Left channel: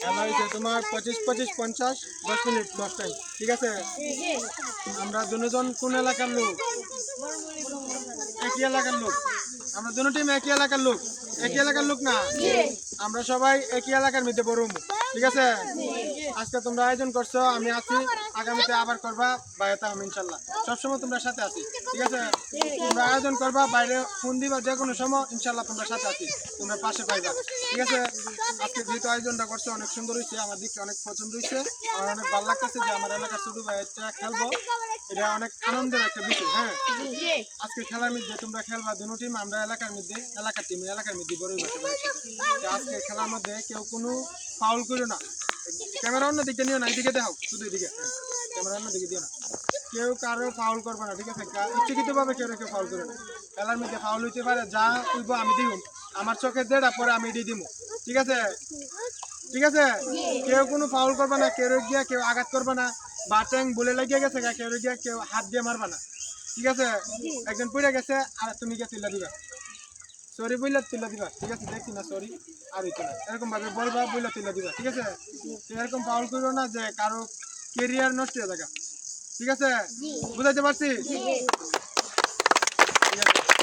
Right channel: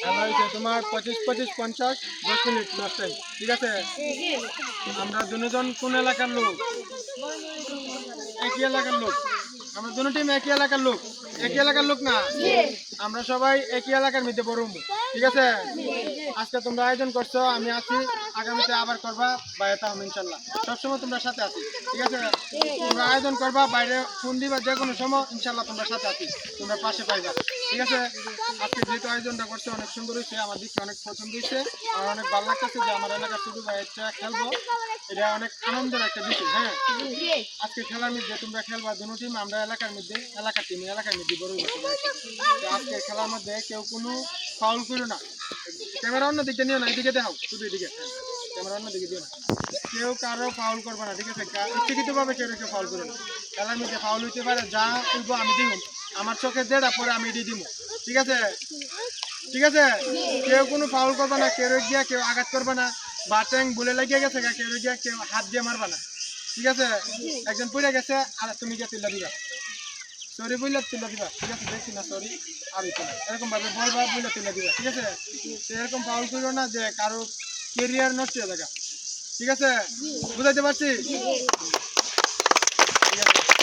খেলা হয়েছে তোমার 25-25-50 10 মিনিট লাস্ট টাইম, ঠিক আছে? আমরা দুজন কোন এলাকার লোক? একই এলাকার লোক। আমরা দুটো টিম একই এলাকার লোক। একই এলাকার লোক না? আমরা সবাই একই এলাকার মধ্যে বড়, ঠিক আছে? আজকে তোমরা আয়োজন করছো, আমি আছি, আগামীতে আবার করবা, বাইরে তাহলে ইনশাল্লাহ সবসময় তোমরা সাথে আছি, ঠিক আছে? তোমরা আয়োজন করবা, বাইরে ফোন দিবা যে কোনো সময়, ইনশাল্লাহ তোমরা সাথে আছি, তোমরা পাশে পাইবা, ঠিক আছে? আজকে যেহেতু আয়োজনটা করছে অনেক সুন্দর হয়েছে, আমার দিকে অনেক পছন্দ হয়েছে, আমার অনেক ভালো লাগতেছে যে আমার এলাকার ছোট ভাই এটা খেলবো, এটা অনেক আনন্দের একটা বিষয়। হ্যাঁ, আজকে খেলার মধ্যে তোমরা খেলবা দুটো টিম, আমরা এলাকার মধ্যে এলাকার টিম এলাকার মধ্যে বড়ই বাচ্চা। আজকে খেলার মধ্যে কেউ কোনো ফাউল করো না। ক্যামেরা অন্য দিকে নিও না, এদিকে দেখাও, শুধু এদিকে, ক্যামেরা অন্য দিকে দিও না। কেউ কারো ফাউল করবে না, ঠিক আছে? ইচ্ছাকৃতভাবে কেউ কেউ ফাউল করবে না। খেলার মধ্যে ফাউল হইতে পারে, যা উঠবো আমি দিব, আমার চোখে দেড়া পরে আমি এটি দিব, ঠিক আছে? ঠিক আছে, কেউ কোনো ফাউল করবে না, কেউ গিয়া কেউ আঘাত করবে না, বা ট্যাং বলে লাগিয়ে গেছে কেউ গিয়া কেউ হাত দিয়ে মারবে না, ঠিক আছে? একজন পড়ে গেছে আর তুমি গিয়ে তুলে দিবা, সরি বললে তুলে দিবা, ঠিক আছে? দেখছি না সরি আর হইতো না, এরকম ভাবে বলবা, বললে তুলে দিবা, ঠিক আছে? এরকম ফাউল করো না যে কারো কেরিয়ার নষ্ট হয়ে থাকা, ঠিক আছে? বুঝাইতে পারছি? ঠিক আছে।